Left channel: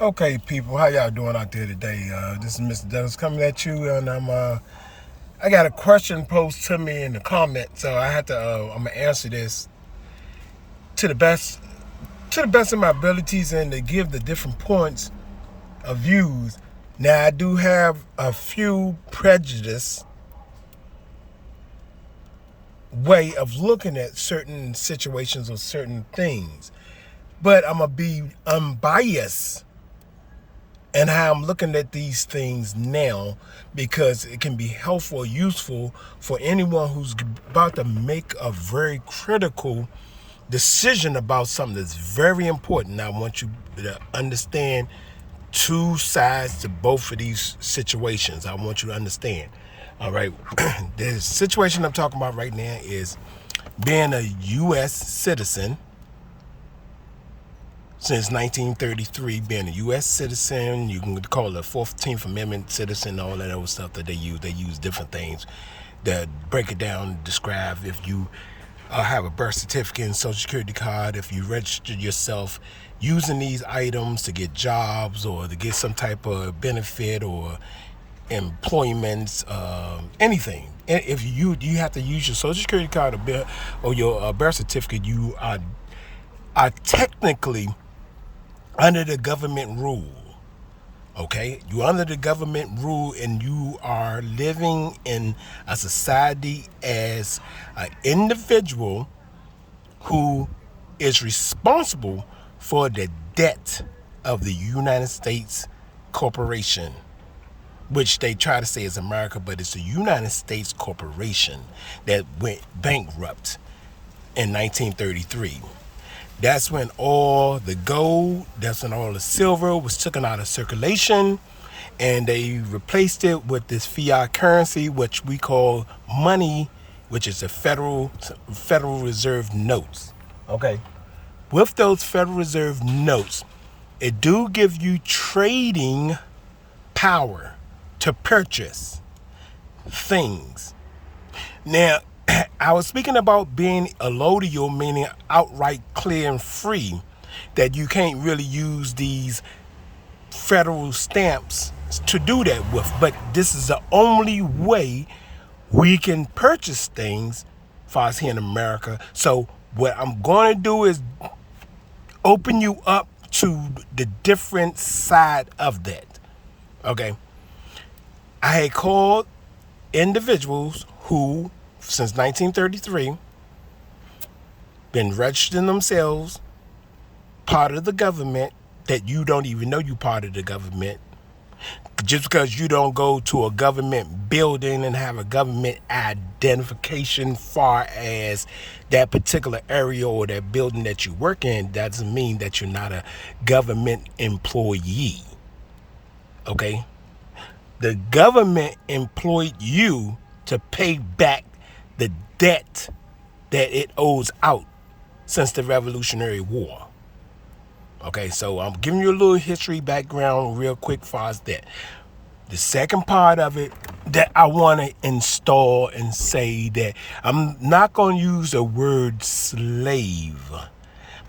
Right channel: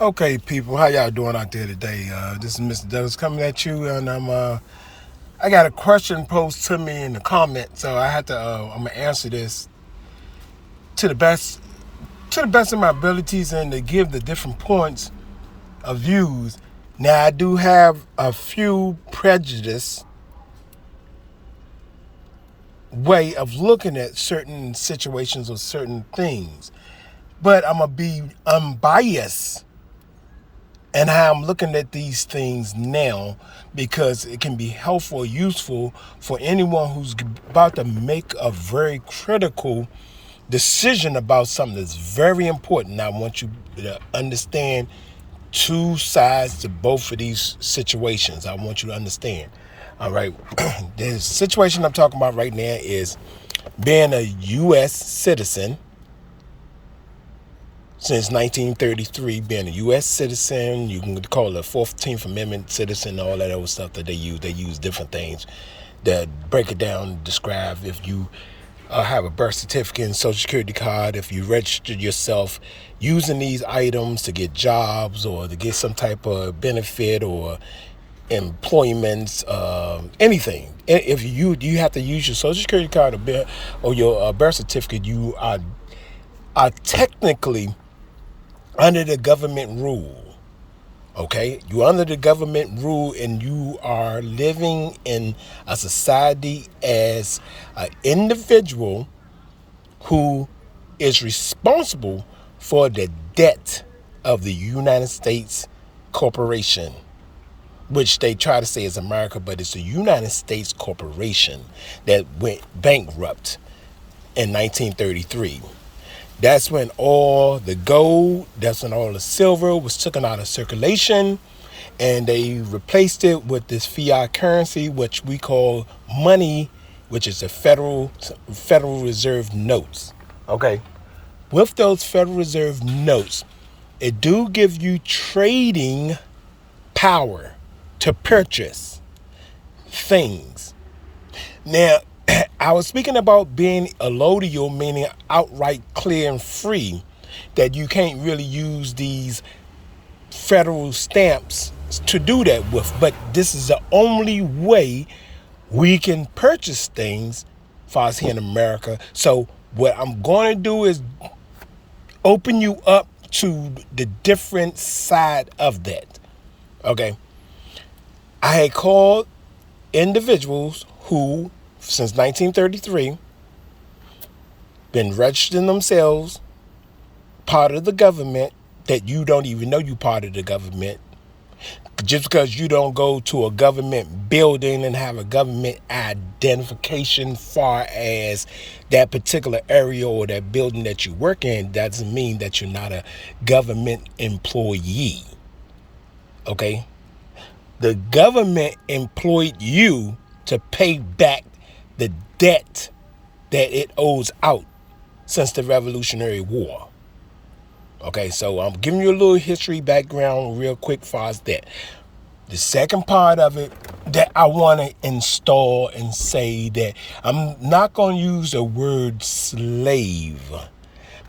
Okay, people, how y'all doing out there today? This is Mr. Douglas coming at you, and I got a question posed to me in the comments, so I had to I'm gonna answer this to the best of my abilities and to give the different points of views. Now, I do have a few prejudice way of looking at certain situations or certain things, but I'm gonna be unbiased and how I'm looking at these things now, because it can be helpful or useful for anyone who's about to make a very critical decision about something that's very important. I want you to understand two sides to both of these situations. I want you to understand. All right. The situation I'm talking about right now is being a U.S. citizen since 1933, being a U.S. citizen. You can call it a 14th Amendment citizen, all that old stuff that they use. They use different things that break it down, describe if you have a birth certificate and social security card, if you registered yourself using these items to get jobs or to get some type of benefit or employment, anything. If you have to use your social security card or your birth certificate, you are technically under the government rule. Okay, you're under the government rule, and you are living in a society as an individual who is responsible for the debt of the United States corporation, which they try to say is America, but it's the United States corporation that went bankrupt in 1933. That's when all the gold, that's when all the silver was taken out of circulation, and they replaced it with this fiat currency, which we call money, which is the Federal Reserve notes. Okay. With those Federal Reserve notes, it do give you trading power to purchase things. Now, I was speaking about being allodial, meaning outright clear and free, that you can't really use these federal stamps to do that with. But this is the only way we can purchase things for us here in America. So what I'm going to do is open you up to the different side of that. Okay. I had called individuals who, since 1933, been registering themselves part of the government, that you don't even know you part of the government. Just because you don't go to a government building and have a government identification far as that particular area or that building that you work in, doesn't mean that you're not a government employee. Okay? The government employed you to pay back the debt that it owes out since the Revolutionary War. Okay, so I'm giving you a little history background real quick as far as that. The second part of it that I want to install and say that I'm not going to use the word slave,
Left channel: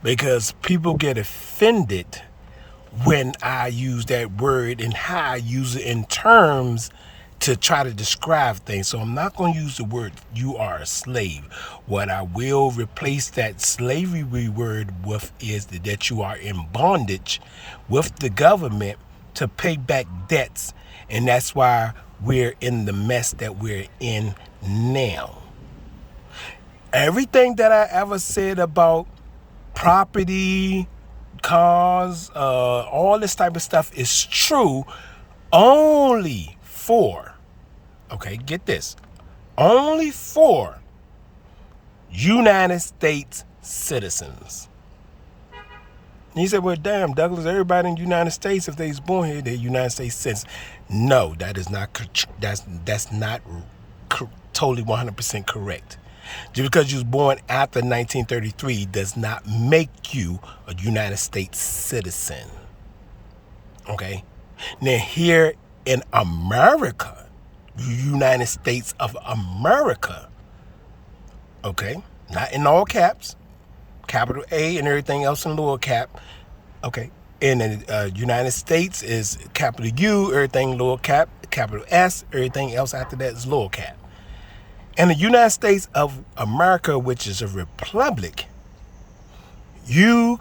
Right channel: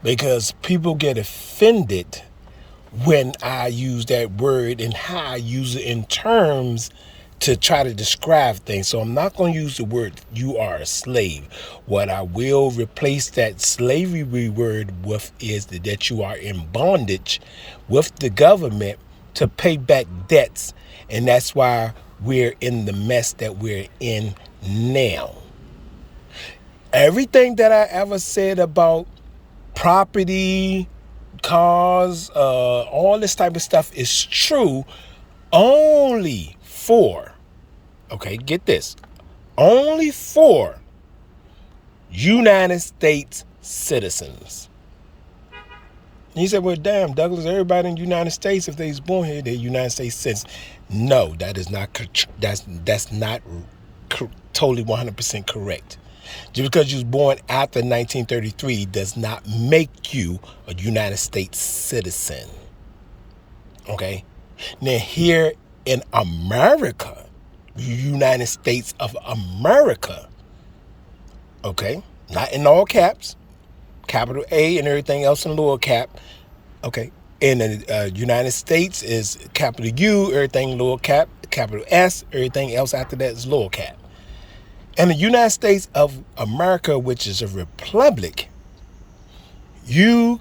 because people get offended when I use that word and how I use it in terms to try to describe things. So I'm not going to use the word you are a slave. What I will replace that slavery word with is that you are in bondage with the government to pay back debts. And that's why we're in the mess that we're in now. Everything that I ever said about property, cars, all this type of stuff is true only for, okay, get this, only for United States citizens. He said, well, damn, Douglas, everybody in the United States, if they was born here, they're United States citizens. No, that is not, that's not totally 100% correct. Just because you was born after 1933 does not make you a United States citizen. Okay? Now, here in America, United States of America, okay, not in all caps, capital A and everything else in lower cap, okay, In the United States is capital U, everything lower cap, capital S, everything else after that is lower cap. In the United States of America, which is a republic, you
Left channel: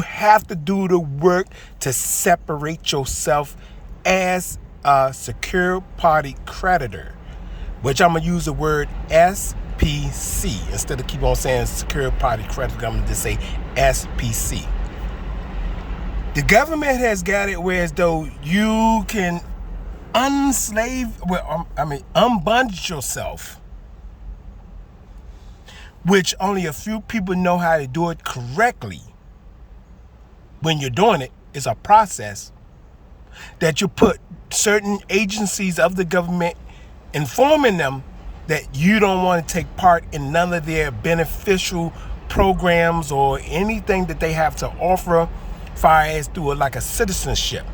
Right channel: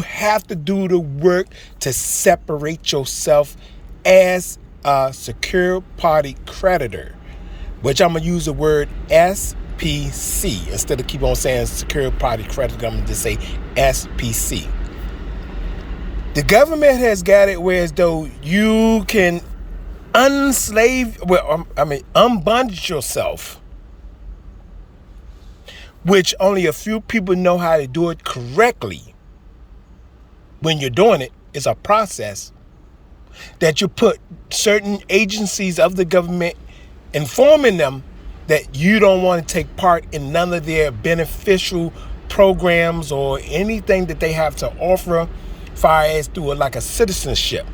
have to do the work to separate yourself as a secure party creditor, which I'm going to use the word SPC. Instead of keep on saying secure party creditor, I'm going to just say SPC. The government has got it where as though you can unbondage yourself, which only a few people know how to do it correctly. When you're doing it, it's a process that you put certain agencies of the government, informing them that you don't want to take part in none of their beneficial programs or anything that they have to offer, far as through like a citizenship.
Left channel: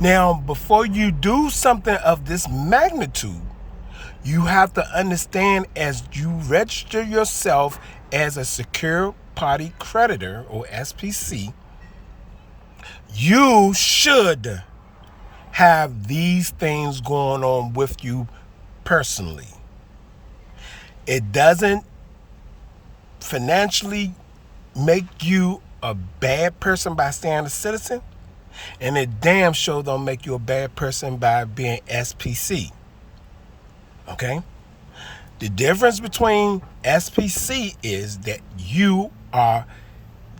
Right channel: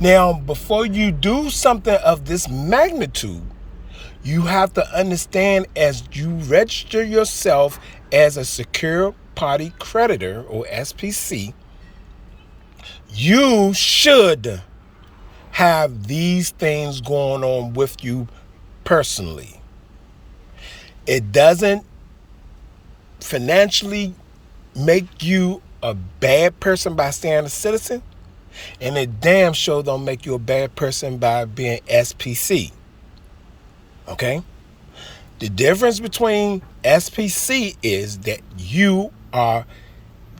Now, before you do something of this magnitude, you have to understand, as you register yourself as a secure party creditor or SPC, you should have these things going on with you personally. It doesn't financially make you a bad person by staying a citizen, and it damn sure don't make you a bad person by being SPC. Okay? The difference between SPC is that you are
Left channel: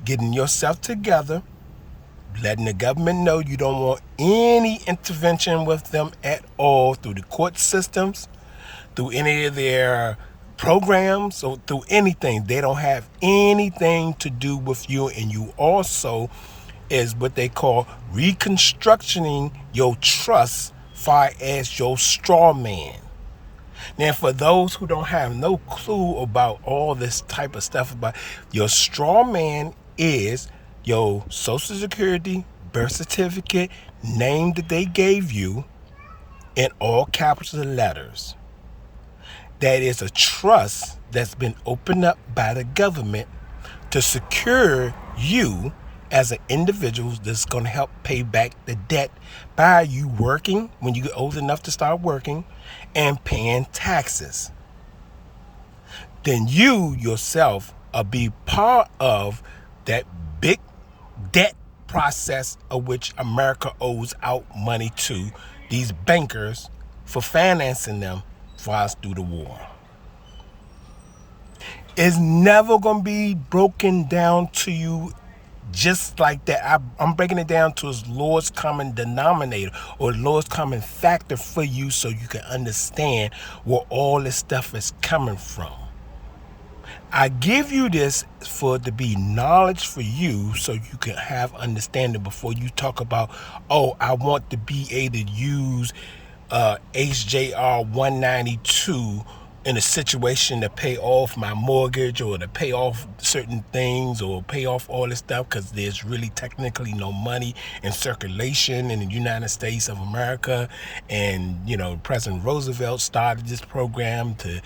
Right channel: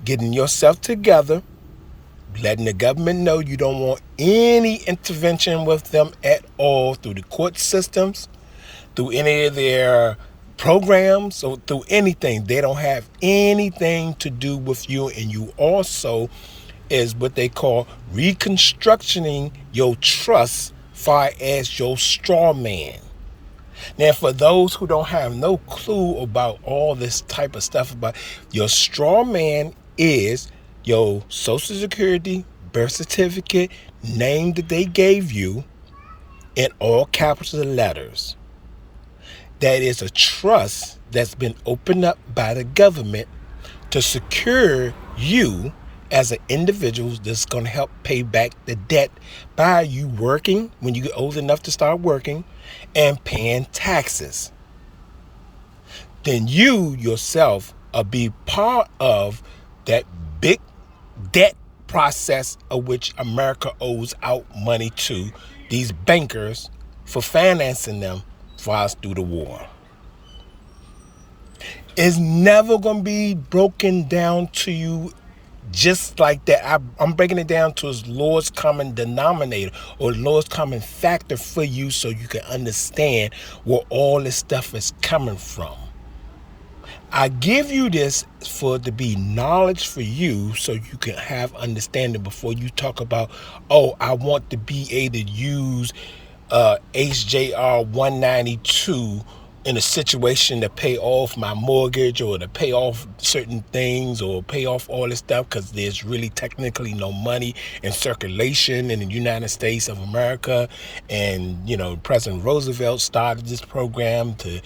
getting yourself together, letting the government know you don't want any intervention with them at all through the court systems, through any of their programs, or through anything. They don't have anything to do with you, and you also is what they call reconstructing your trust far as your straw man. Now, for those who don't have no clue about all this type of stuff, about your straw man is your social security, birth certificate, name that they gave you in all capital letters. That is a trust that's been opened up by the government to secure you as an individual that's going to help pay back the debt by you working when you get old enough to start working and paying taxes. Then you yourself will be part of that big debt process of which America owes out money to these bankers for financing them for us through the war. It's never going to be broken down to you just like that. I'm breaking it down to its lowest common denominator or lowest common factor for you, so you can understand where all this stuff is coming from. I give you this for it to be knowledge for you, so you can have understanding before you talk about, oh, I want to be able to use HJR 192 in a situation to pay off my mortgage or to pay off certain things or pay off all this stuff, because there's really technically no money in circulation in the United States of America. And, President Roosevelt started this program to,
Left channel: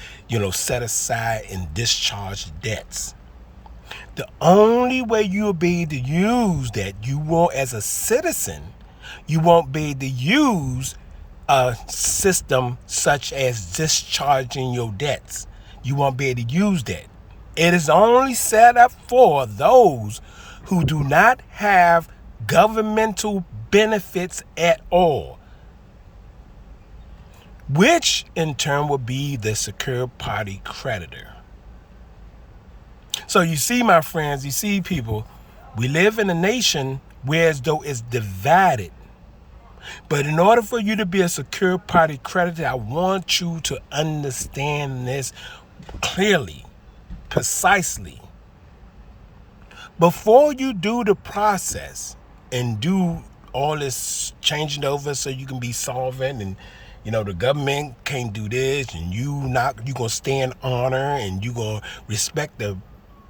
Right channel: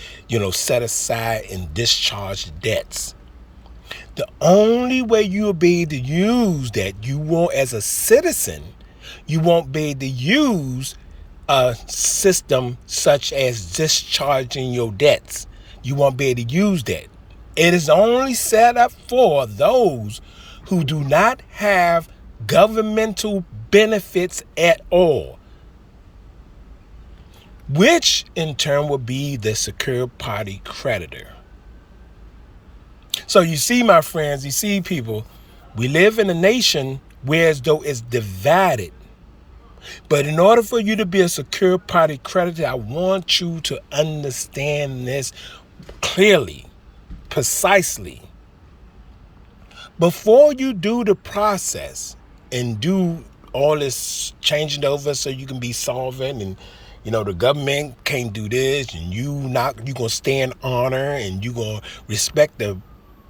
set aside and discharge debts. The only way you'll be able to use that, you won't, as a citizen, you won't be able to use a system such as discharging your debts. You won't be able to use that. It is only set up for those who do not have governmental benefits at all, which in turn would be the secure party creditor. So you see, my friends, you see, people, we live in a nation where as though it's divided. But in order for you to be a secure party creditor, I want you to understand this clearly, precisely. Before you do the process and do all this changing over so you can be solvent, and the government can't do this, and you gonna stay in honor, and you gonna respect the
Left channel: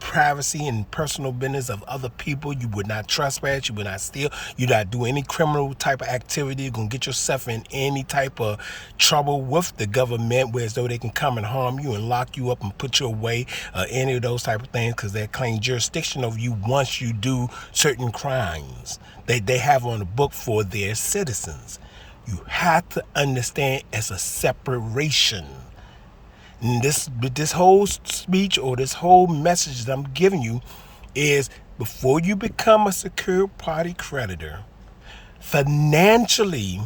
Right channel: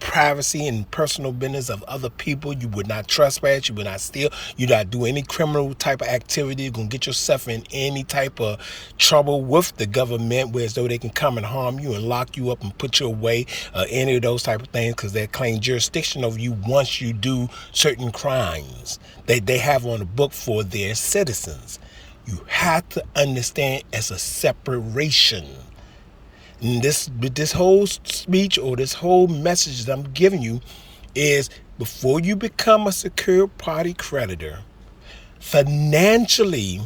privacy and personal business of other people. You would not trespass. You would not steal. You would not do any criminal type of activity. You're going to get yourself in any type of trouble with the government, where as though they can come and harm you and lock you up and put you away, any of those type of things, because they claim jurisdiction over you once you do certain crimes they have on the book for their citizens. You have to understand it's a separation. And this whole speech or this whole message that I'm giving you is, before you become a secured party creditor, financially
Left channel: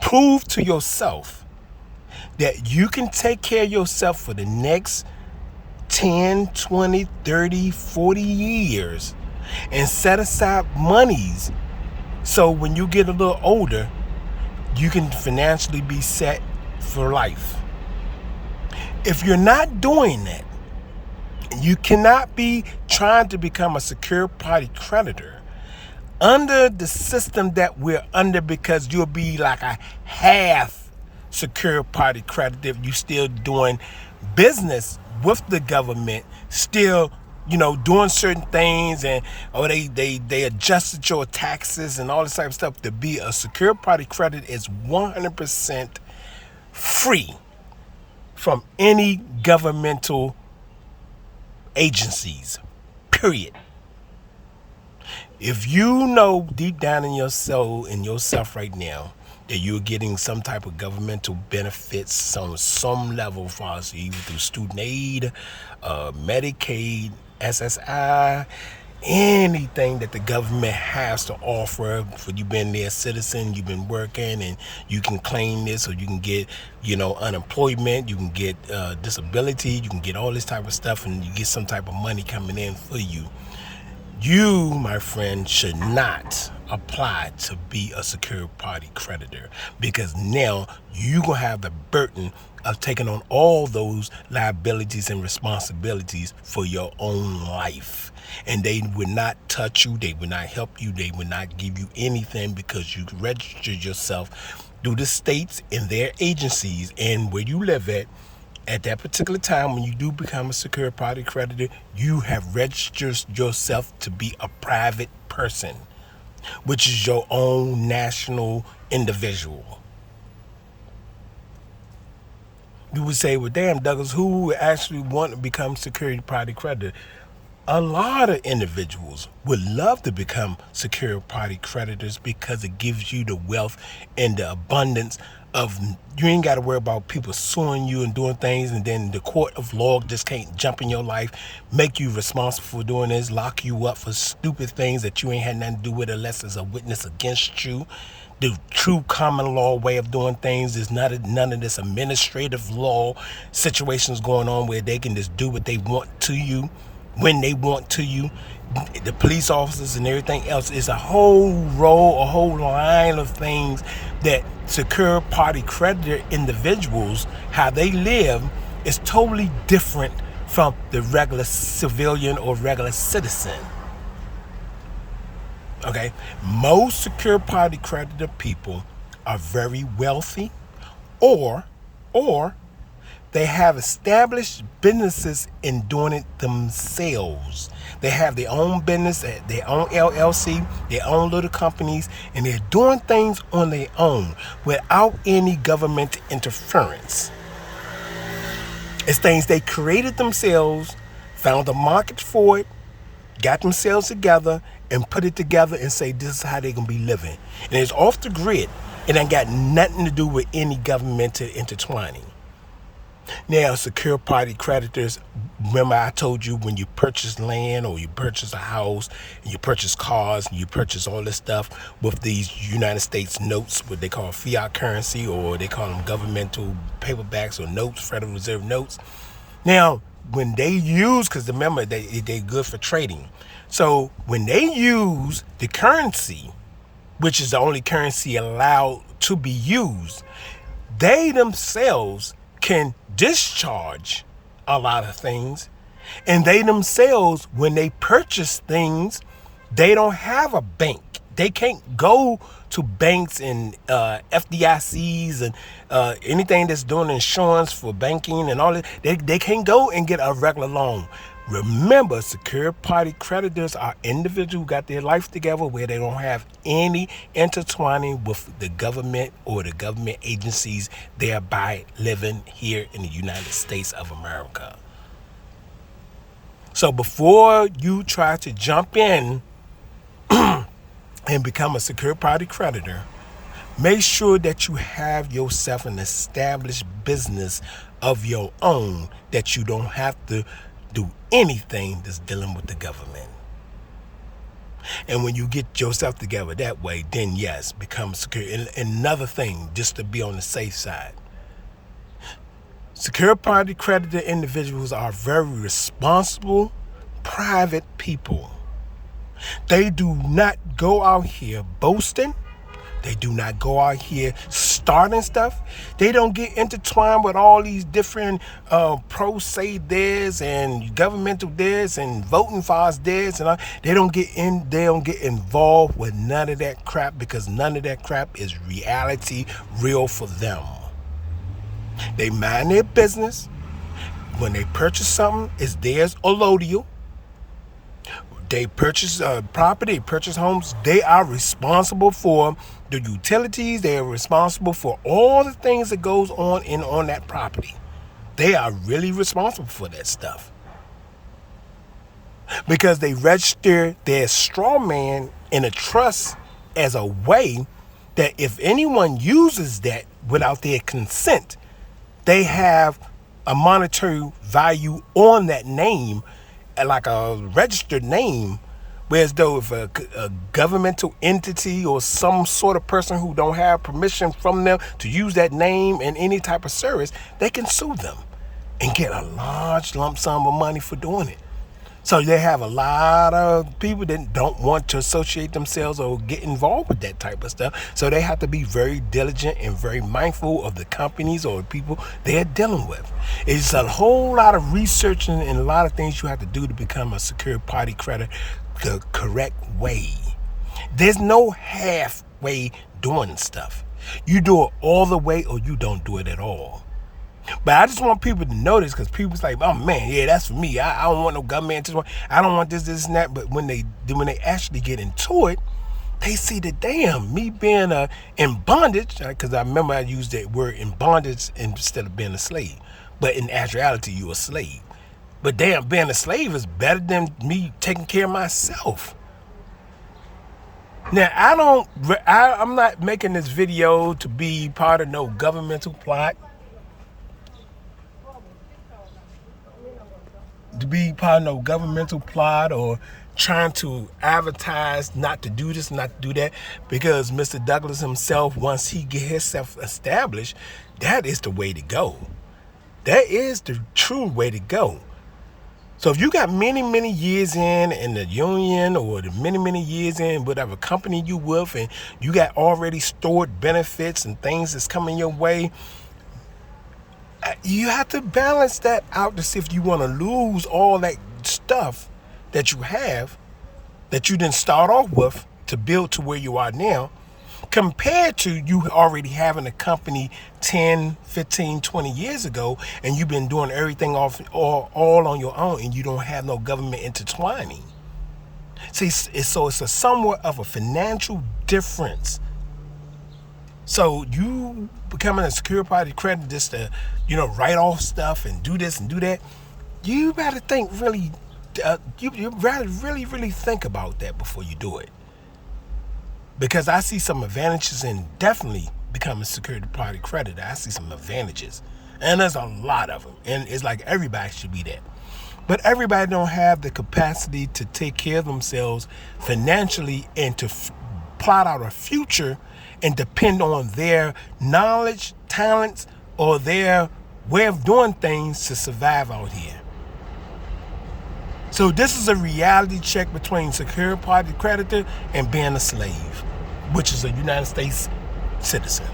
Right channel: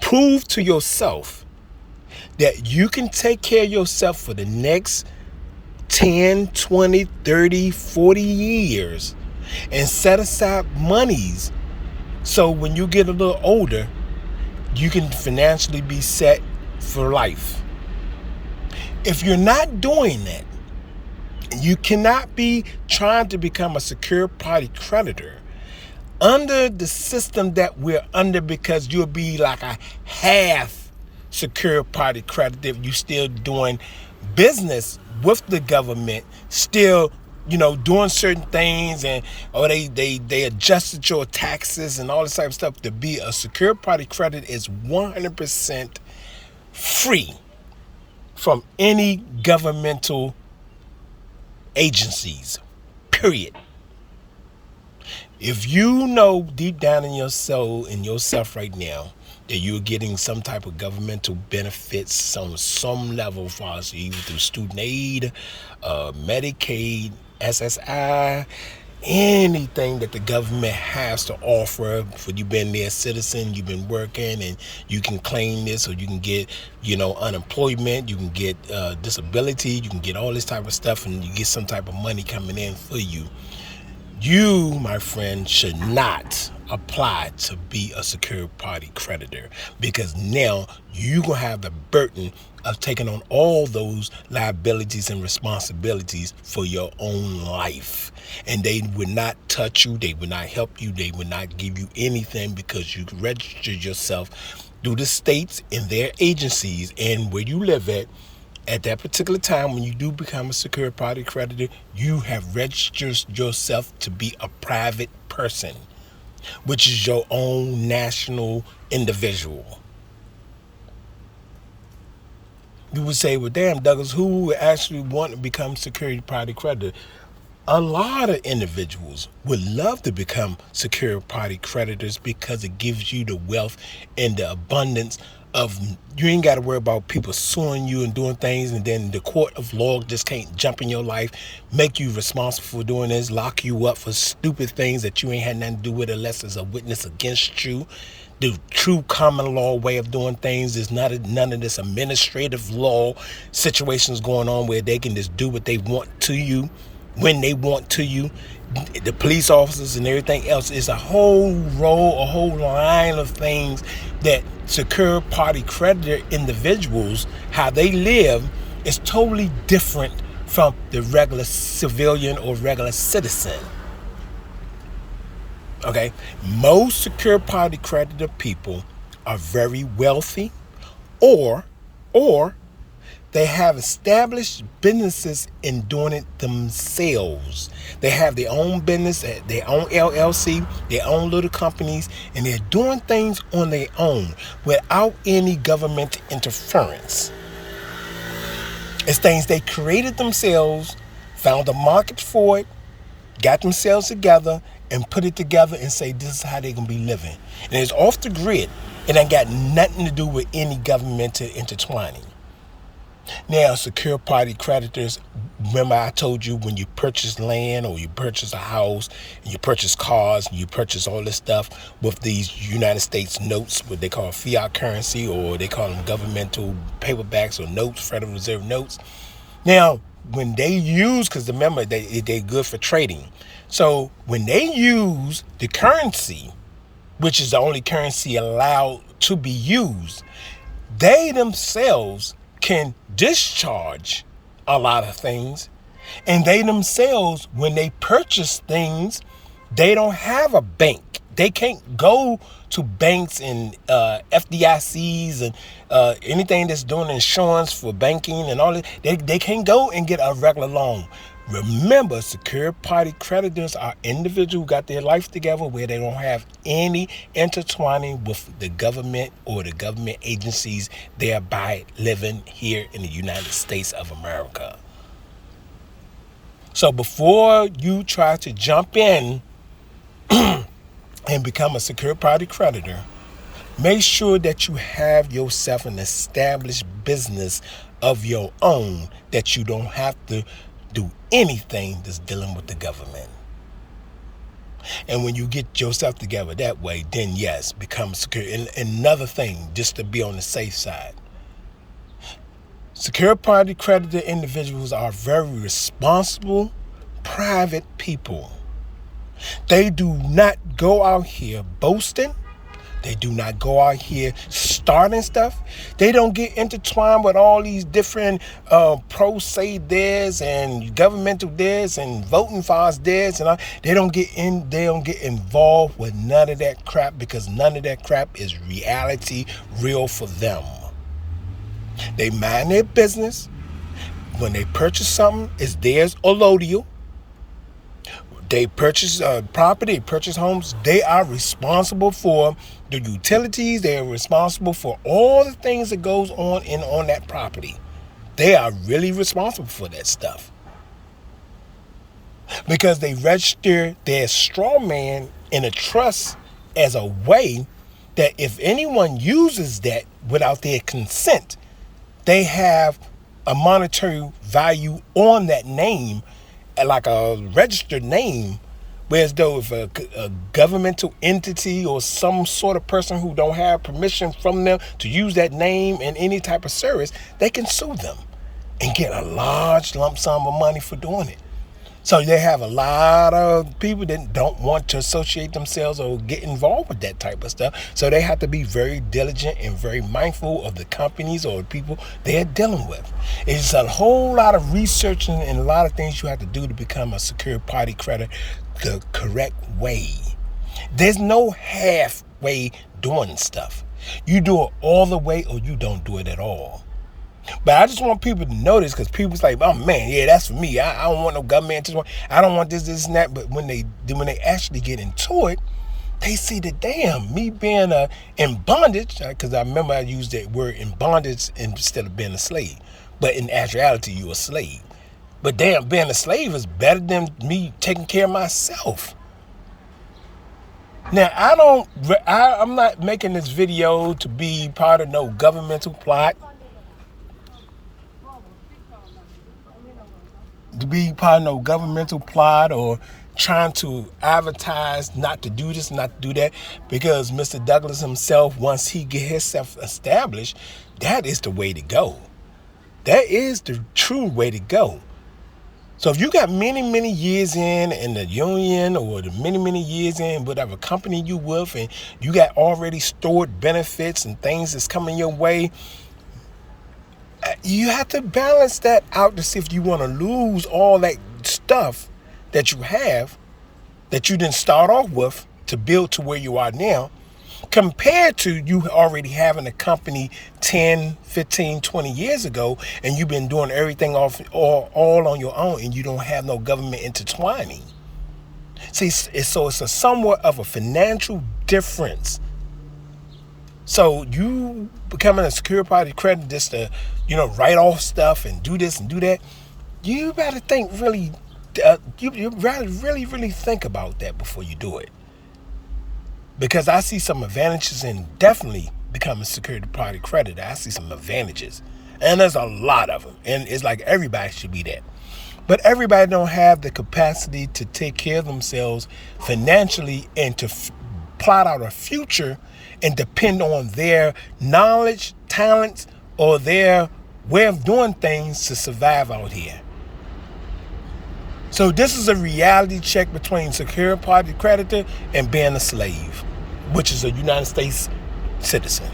prove to yourself that you can take care of yourself for the next 10, 20, 30, 40 years and set aside monies so when you get a little older, you can financially be set for life. If you're not doing that, you cannot be trying to become a secured party creditor under the system that we're under, because you'll be like a half secured party creditor if you're still doing business with the government, still doing certain things, and they adjusted your taxes and all this type of stuff. To be a secured party creditor is 100% free from any governmental agencies, period. If you know deep down in your soul, in yourself right now, that you're getting some type of governmental benefits on some level, for us, either through student aid, Medicaid, SSI, anything that the government has to offer, for you been their citizen, you've been working, and you can claim this, or you can get unemployment, you can get disability, you can get all this type of stuff, and you get some type of money coming in for you. You, my friend, should not apply to be a secured party creditor, because now you're going to have the burden of taking on all those liabilities and responsibilities for your own life. And they would not touch you. They would not help you. They would not give you anything, because you registered yourself through the states and their agencies and where you live at that particular time. When you do become a secured party creditor, you have registered yourself to be a private person, which is your own national individual. You would say, well, damn, Douglas, who would actually want to become security party creditor? A lot of individuals would love to become security party creditors, because it gives you the wealth and the abundance of, you ain't got to worry about people suing you and doing things, and then the court of law just can't jump in your life, make you responsible for doing this, lock you up for stupid things that you ain't had nothing to do with, unless there's a witness against you. The true common law way of doing things is none of this administrative law situations going on where they can just do what they want to you when they want to you. The police officers and everything else is a whole line of things that secure party creditor individuals, how they live, is totally different from the regular civilian or regular citizen. Okay, most secure party creditor people are very wealthy, or they have established businesses in doing it themselves. They have their own business, their own LLC, their own little companies, and they're doing things on their own without any government interference. It's things they created themselves, found a market for it, got themselves together, and put it together and say, this is how they're going to be living. And it's off the grid. It ain't got nothing to do with any governmental intertwining. Now, secure party creditors, remember I told you, when you purchase land or you purchase a house and you purchase cars and you purchase all this stuff with these United States notes, what they call fiat currency, or they call them governmental paperbacks or notes, Federal Reserve notes. Now, when they use, because remember, they're good for trading. So when they use the currency, which is the only currency allowed to be used, they themselves can discharge a lot of things. And they themselves, when they purchase things, they don't have a bank. They can't go to banks and FDICs and anything that's doing insurance for banking and all that. They can't go and get a regular loan. Remember, secured party creditors are individuals who got their life together where they don't have any intertwining with the government or the government agencies, thereby living here in the United States of America. So before you try to jump in and become a secured party creditor, make sure that you have yourself an established business of your own, that you don't have to do anything that's dealing with the government. And when you get yourself together that way, then yes, become secure. And another thing, just to be on the safe side, secure party creditor individuals are very responsible, private people. They do not go out here boasting. They do not go out here starting stuff. They don't get intertwined with all these different pro se this and governmental this and voting for us this and all. They don't get involved with none of that crap, because none of that crap is reality real for them. They mind their business. When they purchase something, it's theirs or allodial. They purchase property, purchase homes. They are responsible for the utilities. They are responsible for all the things that goes on that property. They are really responsible for that stuff, because they register their straw man in a trust as a way that if anyone uses that without their consent, they have a monetary value on that name, like a registered name. Whereas though if a governmental entity or some sort of person who don't have permission from them to use that name in any type of service, they can sue them and get a large lump sum of money for doing it. So they have a lot of people that don't want to associate themselves or get involved with that type of stuff. So they have to be very diligent and very mindful of the companies or people they're dealing with. It's a whole lot of research and a lot of things you have to do to become a secured party creditor the correct way. There's no halfway doing stuff. You do it all the way or you don't do it at all. But I just want people to know this, because people's like, oh man, yeah, that's for me. I don't want no government. I don't want this and that. But when they actually get into it, they see that, damn, me being in bondage, because I remember I used that word in bondage instead of being a slave. But in actuality, you're a slave. But damn, being a slave is better than me taking care of myself. Now, I'm not making this video to be part of no governmental plot, or trying to advertise not to do this, not to do that, because Mr. Douglas himself, once he get himself established, that is the way to go. That is the true way to go. So if you got many, many years in the union, or the many, many years in whatever company you with, and you got already stored benefits and things that's coming your way, you have to balance that out to see if you want to lose all that stuff that you have, that you didn't start off with to build to where you are now, compared to you already having a company 10, 15, 20 years ago, and you've been doing everything all on your own, and you don't have no government intertwining. See, so it's a somewhat of a financial difference. So you becoming a secure party creditor just to, write off stuff and do this and do that, you better think really, you rather really, really think about that before you do it. Because I see some advantages in definitely becoming a security party creditor. I see some advantages, and there's a lot of them. And it's like everybody should be that. But everybody don't have the capacity to take care of themselves financially and to plot out a future and depend on their knowledge, talents, or their way of doing things to survive out here. So this is a reality check between secure party creditor and being a slave, which is a United States citizen.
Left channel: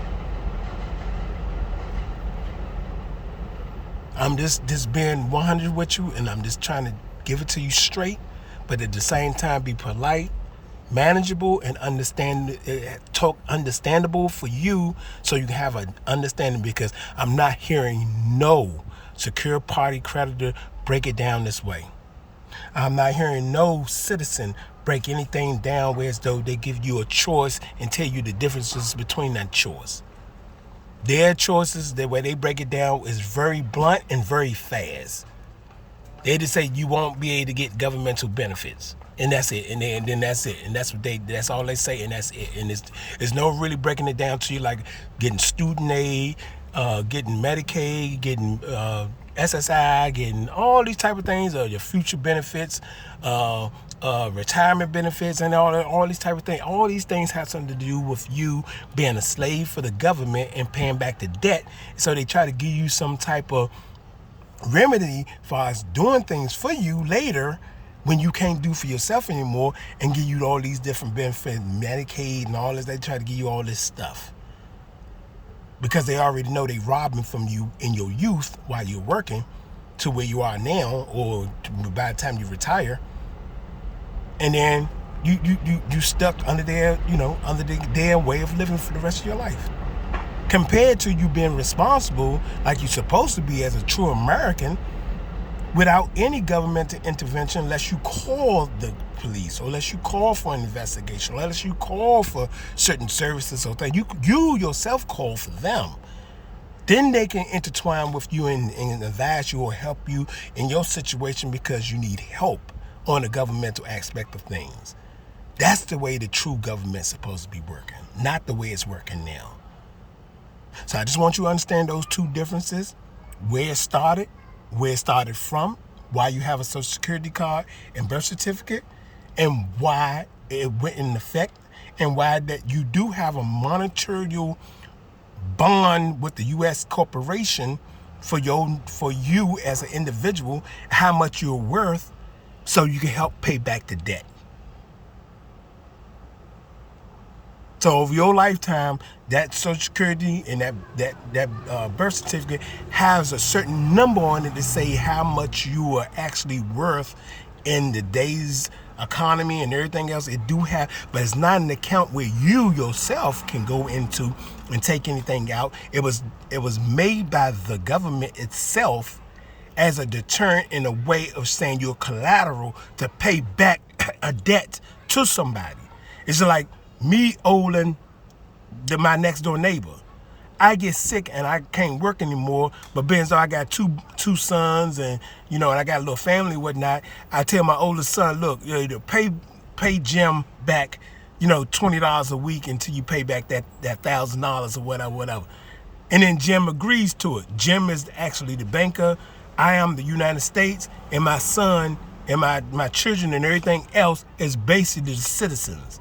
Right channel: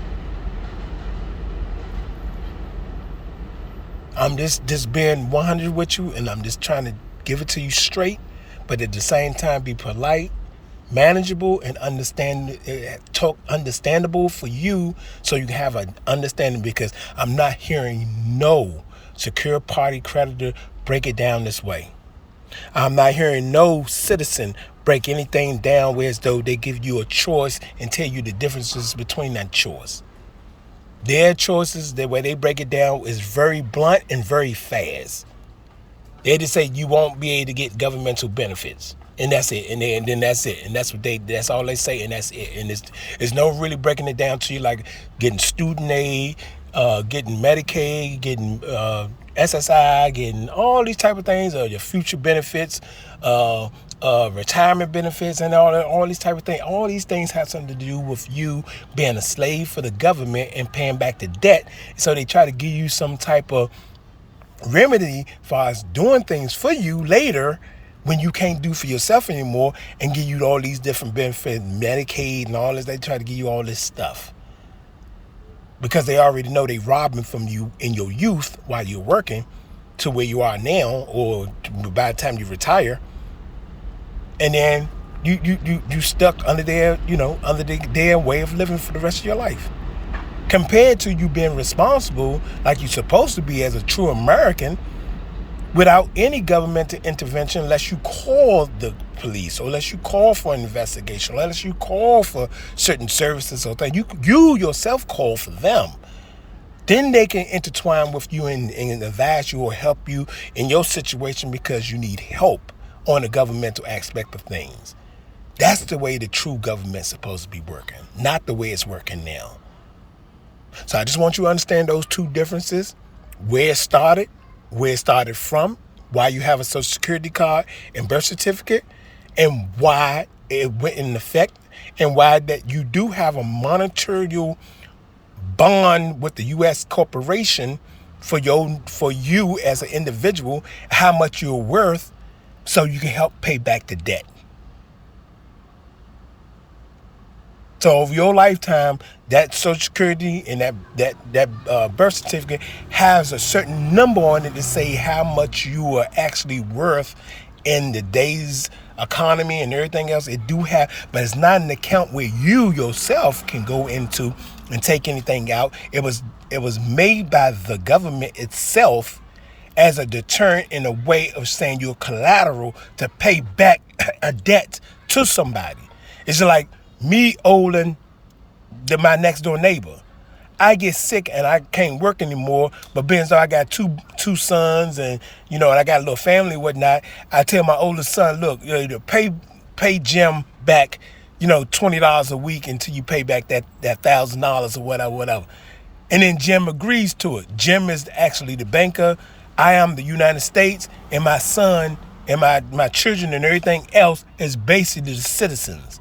I'm just being 100 with you, and I'm just trying to give it to you straight, but at the same time be polite, manageable, and understandable for you, so you can have an understanding, because I'm not hearing no secure party creditor break it down this way. I'm not hearing no citizen break anything down where as though they give you a choice and tell you the differences between that choice. Their choices, the way they break it down, is very blunt and very fast. They just say you won't be able to get governmental benefits, and that's it. And then that's it. And that's all they say, and that's it. And it's no really breaking it down to you like getting student aid, getting Medicaid, getting SSI, getting all these type of things, your future benefits, retirement benefits, and all these type of things. All these things have something to do with you being a slave for the government and paying back the debt. So they try to give you some type of remedy for us doing things for you later when you can't do for yourself anymore, and give you all these different benefits, Medicaid and all this. They try to give you all this stuff because they already know they robbing from you in your youth while you're working to where you are now, or by the time you retire, and then you stuck under their way of living for the rest of your life. Compared to you being responsible like you're supposed to be as a true American without any governmental intervention, unless you call the police or unless you call for an investigation or unless you call for certain services or things. You yourself call for them. Then they can intertwine with you and advise you or help you in your situation because you need help on the governmental aspect of things. That's the way the true government's supposed to be working, not the way it's working now. So I just want you to understand those two differences, where it started from, why you have a Social Security card and birth certificate, and why it went in effect, and why that you do have a monetary bond with the U.S. corporation for you as an individual, how much you're worth, so you can help pay back the debt. So over your lifetime, that Social Security and that birth certificate has a certain number on it to say how much you are actually worth in today's economy and everything else. It do have, but it's not an account where you yourself can go into and take anything out. It was made by the government itself as a deterrent in a way of saying you're collateral to pay back a debt to somebody. It's like me owing my next door neighbor. I get sick and I can't work anymore, but being so I got two sons and and I got a little family and whatnot, I tell my oldest son, look, pay Jim back, $20 a week until you pay back that $1,000 or whatever. And then Jim agrees to it. Jim is actually the banker. I am the United States, and my son and my children and everything else is basically the citizens.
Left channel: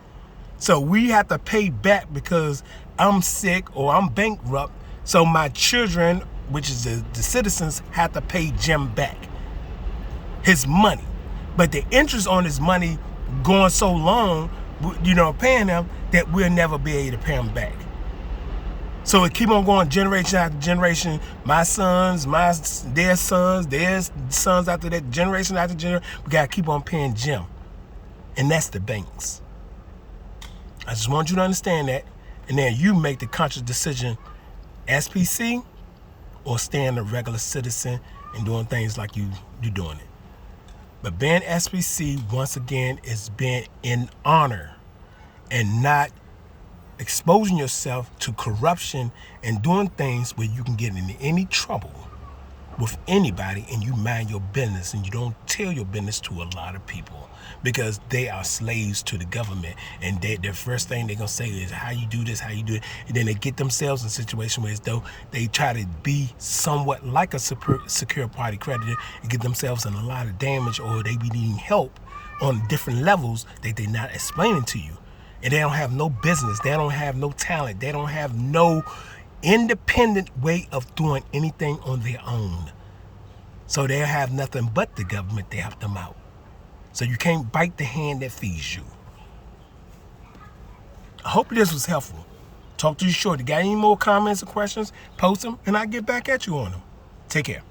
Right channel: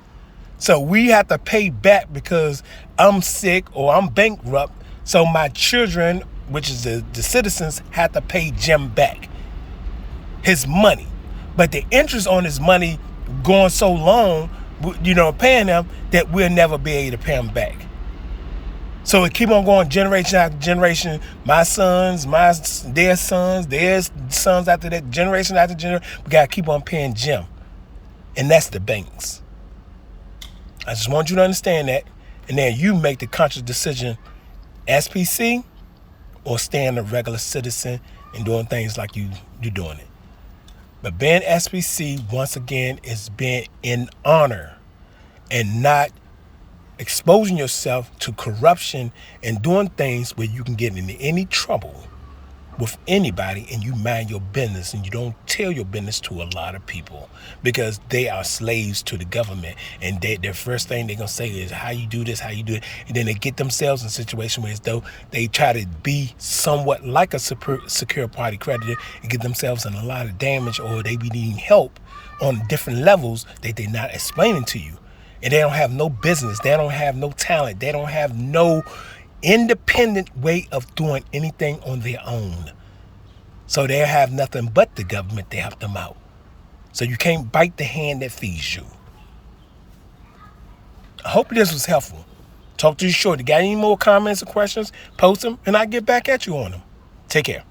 So we have to pay back because I'm sick or I'm bankrupt. So my children, which is the citizens, have to pay Jim back his money. But the interest on his money going so long, paying them, that we'll never be able to pay him back. So it keep on going generation after generation. My sons, their sons after that, generation after generation. We got to keep on paying Jim. And that's the banks. I just want you to understand that, and then you make the conscious decision, SPC or staying a regular citizen and doing things like you're doing it. But being SPC, once again, is being in honor and not exposing yourself to corruption and doing things where you can get into any trouble with anybody, and you mind your business and you don't tell your business to a lot of people because they are slaves to the government, and their first thing they're gonna say is how you do this, how you do it, and then they get themselves in a situation where as though they try to be somewhat like a secure party creditor and get themselves in a lot of damage, or they be needing help on different levels that they're not explaining to you, and they don't have no business, they don't have no talent, they don't have no independent way of doing anything on their own. So they have nothing but the government to help them out. So you can't bite the hand that feeds you. I hope this was helpful. Talk to you shortly. Got any more comments or questions? Post them and I'll get back at you on them. Take care.